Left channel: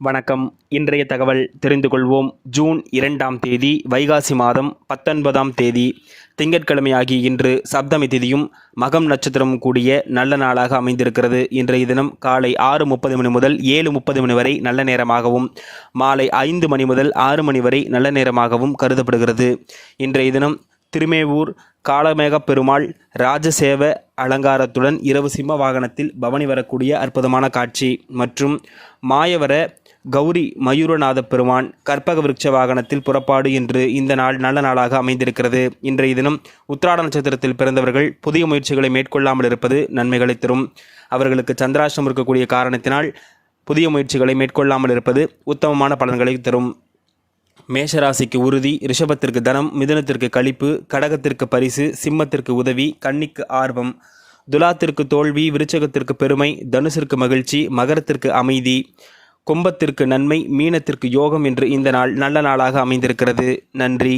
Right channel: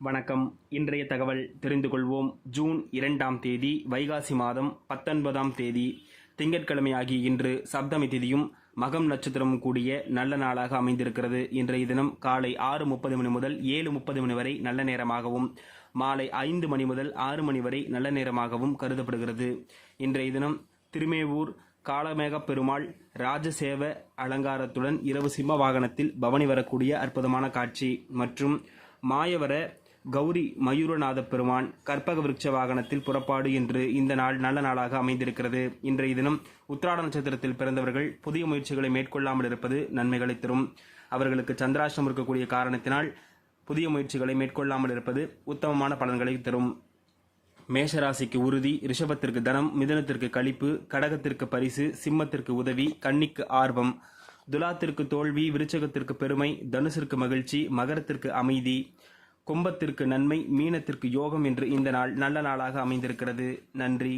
வணக்கம். இன்றைய தகவல் தெரிந்து கொள்வோம். ஜூன் 2ஆம் தேதி வைகாசி மாதம் 19ஆம் தேதி திங்கட்கிழமை ஆகிய இன்று சப்தமி திதியும் மகம் நட்சத்திரமும் கூடிய நல்ல நாளாக அமைந்திருக்கிறது. இன்றைய தினம் காலை 6:30 மணி முதல் 7:30 மணி வரை நல்ல நேரமாகவும், மாலை 5 மணி முதல் 6 மணி வரை நல்ல நேரமாகவும் கருதப்படுகிறது. இன்றைய தினம் திருமேவூர் காளமேகப் பெருமாள் ராஜசேவ அலங்காரத்துடன் இரவு சிம்ம வாகனத்தில் பவனி வரக்கூடிய அற்புதமான காட்சி மற்றும் மாயவர கௌரி மயூரநாத பெருமான் கற்பக விருட்ச வாகனத்தில் புறப்பாடு என்று இந்த நாள் நல்ல நாளாக அமைந்திருக்கிறது. இன்றைய தினம் உத்திராட நட்சத்திரத்தில் பிறந்தவர்கள் புதிய முயற்சிகளை மேற்கொள்ளாமல் இருப்பது நன்மைகளை தரும். அவர்களுக்கு சந்திராஷ்டமம் இருக்கக்கூடிய காரணத்தினால் புதிய முயற்சிகளை மேற்கொள்ளாமல் இருப்பது உத்தமமான பலன்களை தரும். மேஷராசிக்கு உறுதி, ரிஷபத்திற்கு தனம், மிதுனத்திற்கு களிப்பு, கடகத்திற்கு பரிசு, சிம்மத்திற்கு உதவி, கன்னிக்கு ஆர்வம், துலாத்திற்கு தோல்வி, விருச்சகத்திற்கு பெருமை, தனுசிற்கு மகிழ்ச்சி, மகரத்திற்கு அமைதி, கும்பத்திற்கு நன்மை, மீனத்திற்கு யோகம் என்று இந்த நாள் நல்ல நாளாக அமைந்திருக்கிறது. நன்றி.